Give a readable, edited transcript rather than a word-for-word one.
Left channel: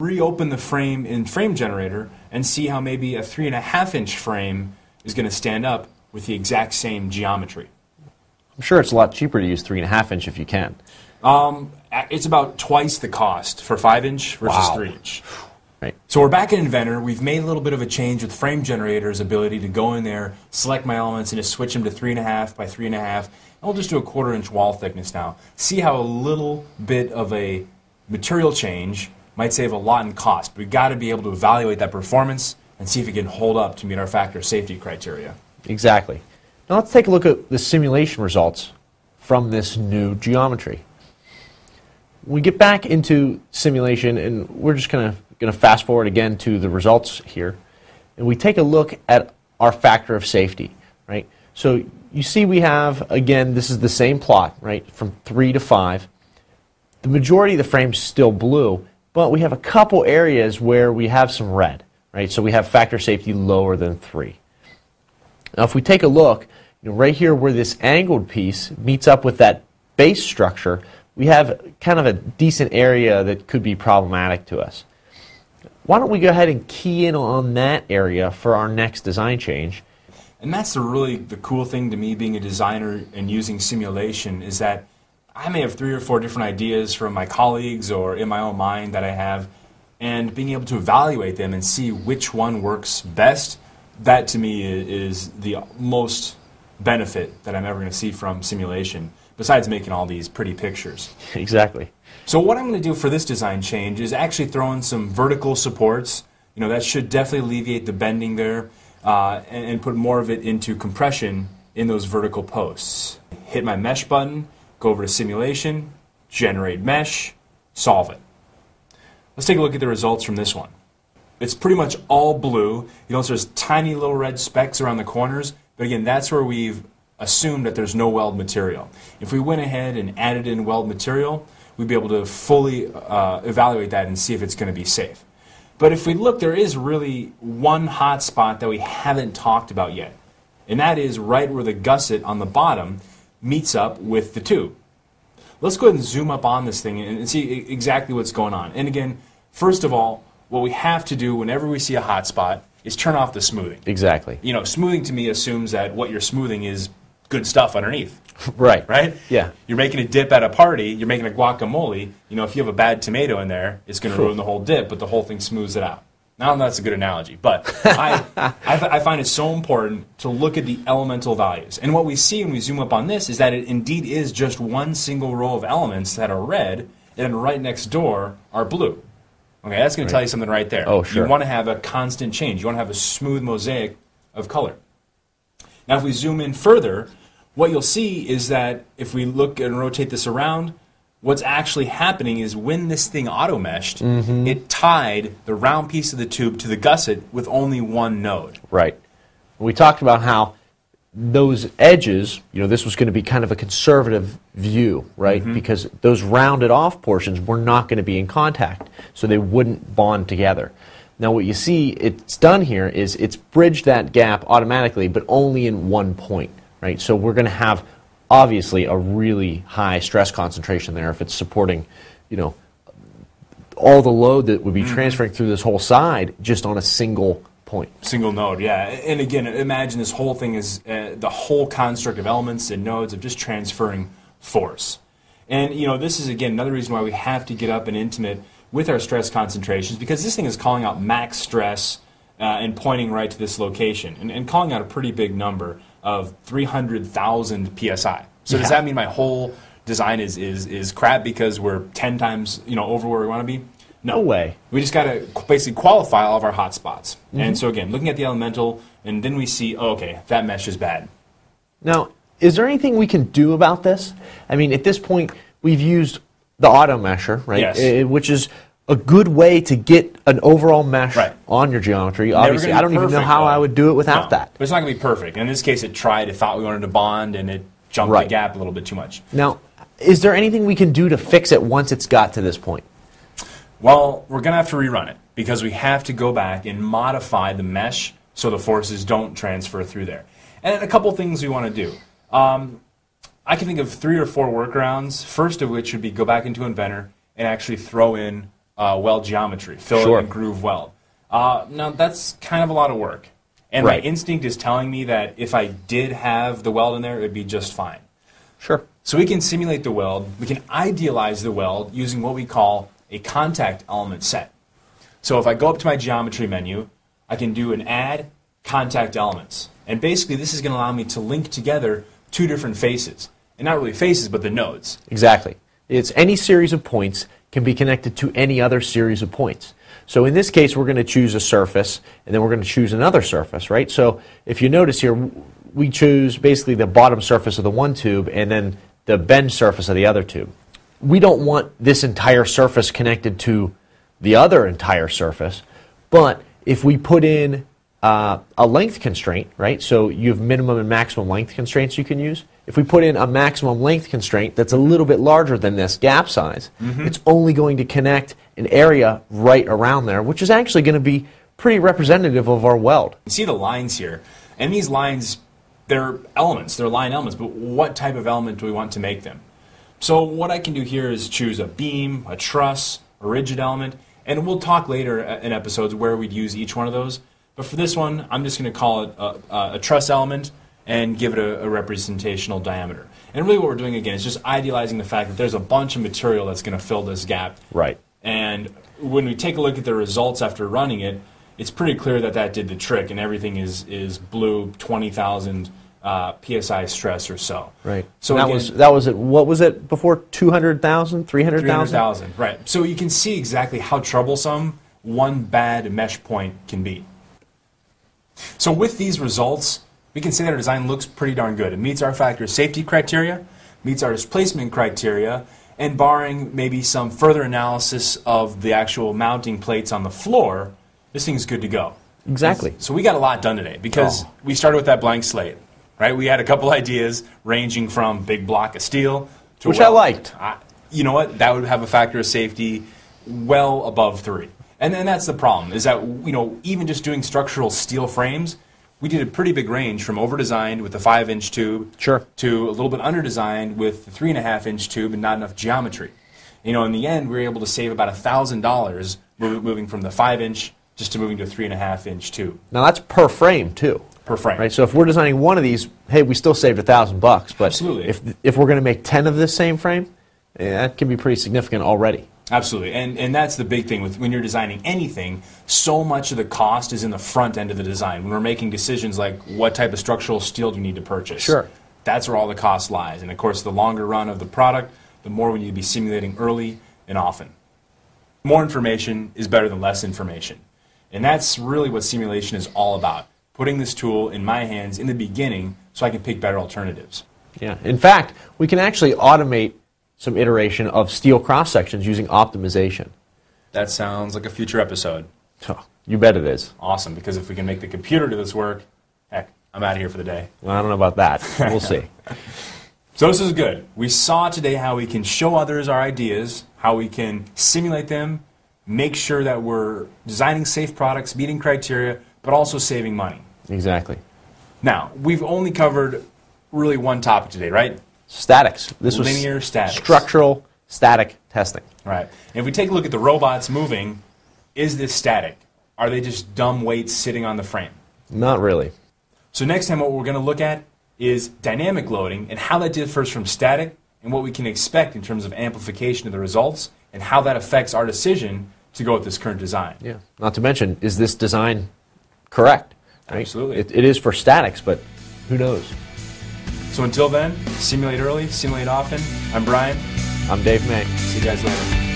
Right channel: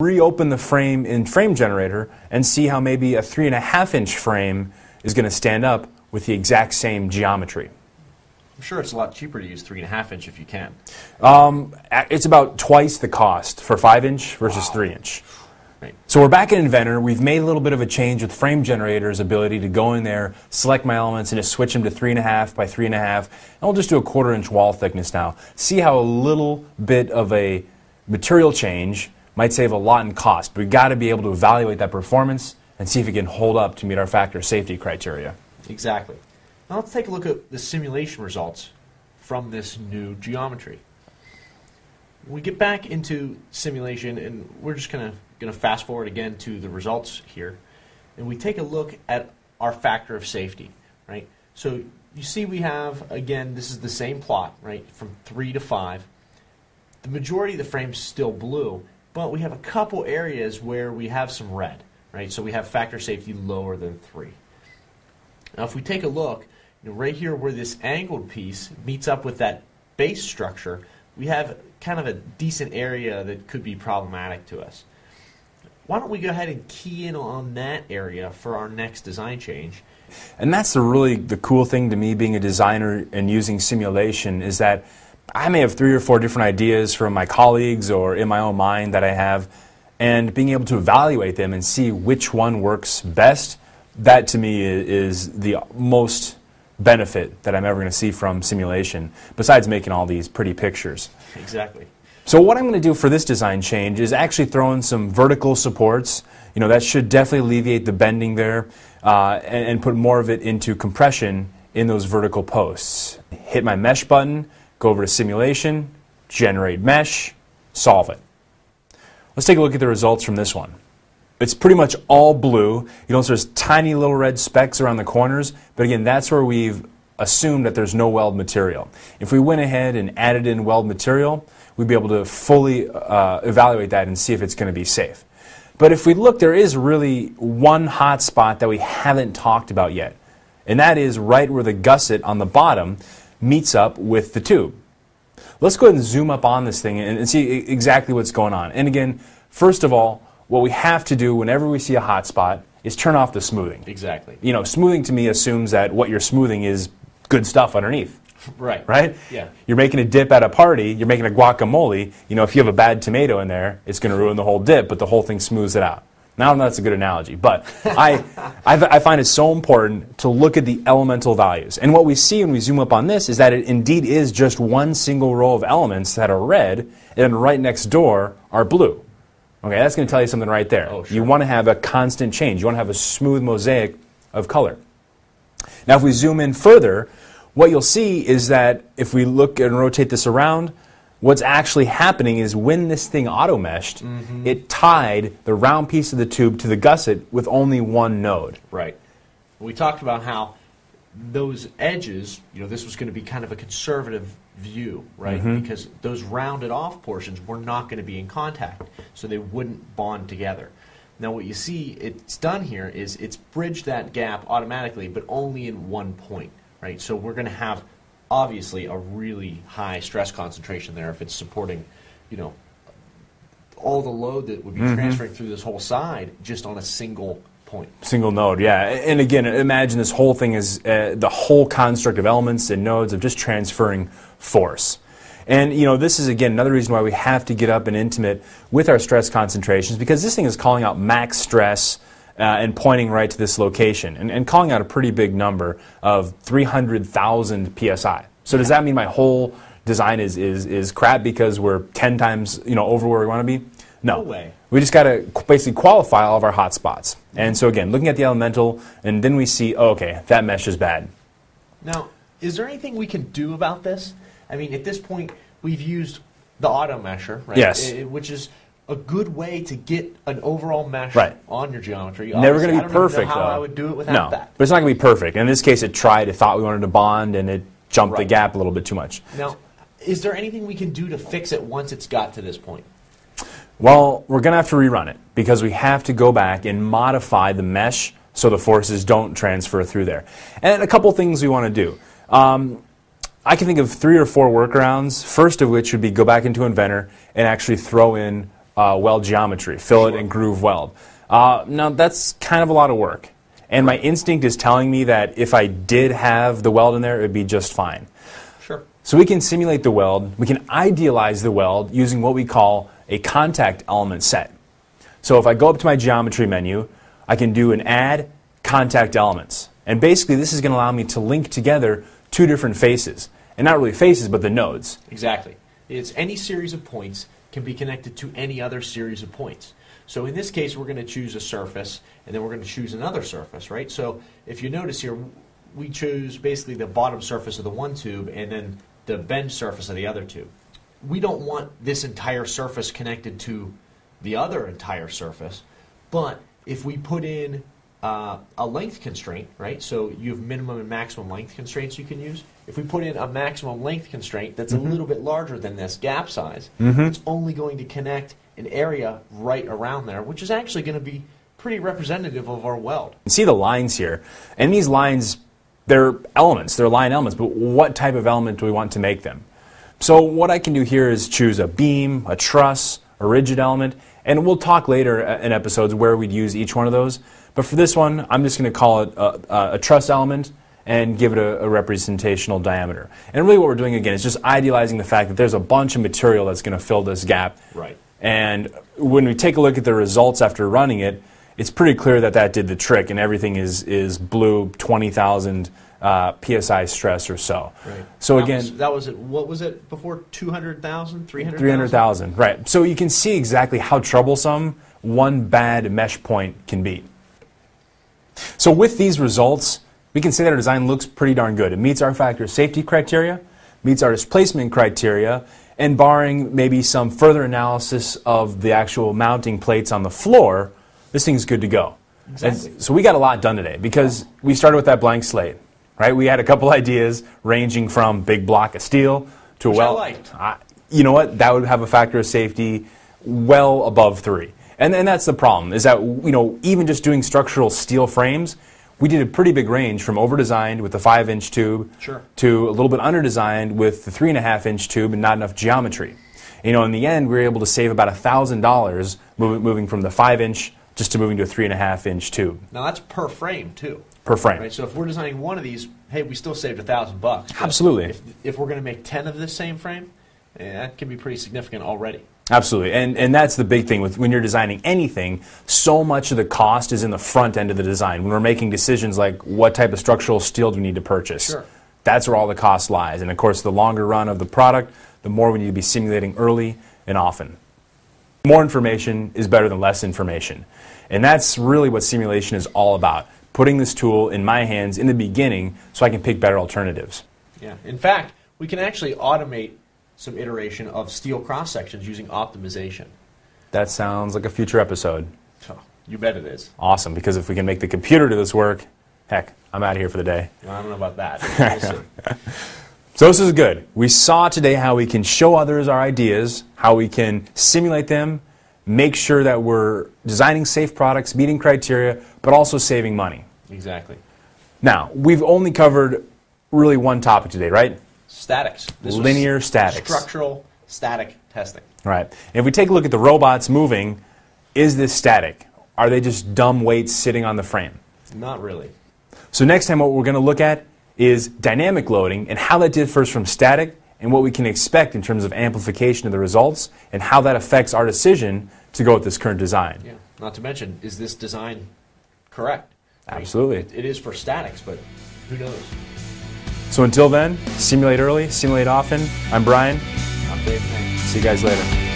reopen the frame in Frame Generator and see how maybe a 3.5-inch frame is going to stand up with the exact same geometry. I'm sure it's a lot cheaper to use 3.5-inch if you can. It's about twice the cost for 5-inch versus Wow. 3-inch. Right. So we're back in Inventor. We've made a little bit of a change with Frame Generator's ability to go in there, select my elements, and just switch them to 3.5 by 3.5. And we'll just do a 1/4-inch wall thickness now. See how a little bit of a material change might save a lot in cost. But we've got to be able to evaluate that performance and see if it can hold up to meet our factor safety criteria. Exactly. Now let's take a look at the simulation results from this new geometry. We get back into simulation, and we're just going to fast forward again to the results here, and we take a look at our factor of safety, right? So you see we have, again, this is the same plot, right, from 3 to 5. The majority of the frame's still blue, but we have a couple areas where we have some red, right? So we have factor safety lower than 3. Now if we take a look, right here where this angled piece meets up with that base structure, we have kind of a decent area that could be problematic to us. Why don't we go ahead and key in on that area for our next design change? And that's the cool thing to me being a designer and using simulation is that I may have 3 or 4 different ideas from my colleagues or in my own mind that I have, and being able to evaluate them and see which one works best, that to me is the most benefit that I'm ever going to see from simulation, besides making all these pretty pictures. Exactly. So what I'm going to do for this design change is actually throw in some vertical supports. You know, that should definitely alleviate the bending there and put more of it into compression in those vertical posts. Hit my mesh button, go over to simulation, generate mesh, solve it. Let's take a look at the results from this one. It's pretty much all blue. You notice there's tiny little red specks around the corners, but again, that's where we've assumed that there's no weld material. If we went ahead and added in weld material, we'd be able to fully evaluate that and see if it's going to be safe. But if we look, there is really one hot spot that we haven't talked about yet, and that is right where the gusset on the bottom meets up with the tube. Let's go ahead and zoom up on this thing and see exactly what's going on. And again, first of all, what we have to do whenever we see a hot spot is turn off the smoothing. Exactly. You know, smoothing to me assumes that what you're smoothing is good stuff underneath. Right. Right? Yeah. You're making a dip at a party, you're making a guacamole, you know, if you have a bad tomato in there, it's going to ruin the whole dip, but the whole thing smooths it out. Now, I don't know if that's a good analogy, but I find it so important to look at the elemental values. And what we see when we zoom up on this is that it indeed is just one single row of elements that are red, and then right next door are blue. Okay, that's going to tell you something right there. Oh, sure. You want to have a constant change. You want to have a smooth mosaic of color. Now, if we zoom in further, what you'll see is that if we look and rotate this around, what's actually happening is when this thing auto-meshed, it tied the round piece of the tube to the gusset with only one node. Right. We talked about how those edges, you know, this was going to be kind of a conservative view, right? Because those rounded off portions were not going to be in contact, so they wouldn't bond together. Now what you see it's done here is it's bridged that gap automatically, but only in one point, right? So we're going to have obviously a really high stress concentration there if it's supporting, you know, all the load that would be transferring through this whole side just on a single point. Single node, yeah. And again, imagine this whole thing is the whole construct of elements and nodes of just transferring force. And you know, this is again another reason why we have to get up and intimate with our stress concentrations, because this thing is calling out max stress and pointing right to this location and calling out a pretty big number of 300,000 psi. So does that mean my whole design is crap because we're 10 times, you know, over where we want to be? No way. We just got to basically qualify all of our hot spots. And so again, looking at the elemental, and then we see, oh, okay, that mesh is bad. Now, is there anything we can do about this? I mean, at this point, we've used the auto mesher, right? Yes. Which is a good way to get an overall mesh on your geometry. Obviously, I don't even know how I would do it without that. But it's not going to be perfect. And in this case, it tried. It thought we wanted to bond, and it jumped the gap a little bit too much. Now, is there anything we can do to fix it once it's got to this point? Well, we're going to have to rerun it because we have to go back and modify the mesh so the forces don't transfer through there. And a couple things we want to do. I can think of 3 or 4 workarounds, first of which would be go back into Inventor and actually throw in weld geometry, fillet Sure. and groove weld. Now, that's kind of a lot of work. And Right. my instinct is telling me that if I did have the weld in there, it would be just fine. Sure. So we can simulate the weld. We can idealize the weld using what we call a contact element set. So if I go up to my geometry menu, I can do an add contact elements. And basically this is going to allow me to link together two different faces. And not really faces, but the nodes. Exactly. It's any series of points can be connected to any other series of points. So in this case, we're going to choose a surface, and then we're going to choose another surface, right? So if you notice here, we choose basically the bottom surface of the one tube and then the bend surface of the other tube. We don't want this entire surface connected to the other entire surface, but if we put in a length constraint, right? So you have minimum and maximum length constraints you can use. If we put in a maximum length constraint that's a little bit larger than this gap size, it's only going to connect an area right around there, which is actually going to be pretty representative of our weld. You see the lines here, and these lines, they're elements, they're line elements, but what type of element do we want to make them? So what I can do here is choose a beam, a truss, a rigid element, and we'll talk later in episodes where we'd use each one of those. But for this one, I'm just going to call it a truss element and give it a representational diameter. And really what we're doing again is just idealizing the fact that there's a bunch of material that's going to fill this gap. Right. And when we take a look at the results after running it, it's pretty clear that that did the trick, and everything is blue 20,000 psi stress or so. Right. So that again, was it. What was it before? 200,000, 300,000. 300,000. Right. So you can see exactly how troublesome one bad mesh point can be. So with these results, we can say that our design looks pretty darn good. It meets our factor of safety criteria, meets our displacement criteria, and barring maybe some further analysis of the actual mounting plates on the floor, this thing's good to go. Exactly. So we got a lot done today because we started with that blank slate, right? We had a couple ideas ranging from big block of steel to Which I liked. You know what? That would have a factor of safety well above 3. And that's the problem, is that, you know, even just doing structural steel frames, we did a pretty big range from over-designed with the 5-inch tube to a little bit under-designed with the 3.5-inch tube and not enough geometry. You know, in the end, we were able to save about $1,000 moving from the 5-inch just to moving to a 3.5-inch tube. Now that's per frame too. Per frame. Right. So if we're designing one of these, hey, we still saved $1,000. But absolutely. If we're going to make 10 of this same frame, that can be pretty significant already. Absolutely, and that's the big thing with when you're designing anything. So much of the cost is in the front end of the design. When we're making decisions like what type of structural steel do we need to purchase, sure, that's where all the cost lies. And of course, the longer run of the product, the more we need to be simulating early and often. More information is better than less information, and that's really what simulation is all about. Putting this tool in my hands in the beginning so I can pick better alternatives. Yeah. In fact, we can actually automate some iteration of steel cross-sections using optimization. That sounds like a future episode. Oh, you bet it is. Awesome, because if we can make the computer do this work, heck, I'm out of here for the day. Well, I don't know about that. We'll see. So this is good. We saw today how we can show others our ideas, how we can simulate them, make sure that we're designing safe products, meeting criteria, but also saving money. Exactly. Now, we've only covered really one topic today, right? Statics. This was linear statics. Structural static testing. Right. And if we take a look at the robots moving, is this static? Are they just dumb weights sitting on the frame? Not really. So next time what we're going to look at is dynamic loading and how that differs from static and what we can expect in terms of amplification of the results and how that affects our decision to go with this current design. Yeah. Not to mention, is this design correct? Absolutely. It is for statics, but who knows? So until then, simulate early, simulate often. I'm Brian. I'm Dave May. See you guys later.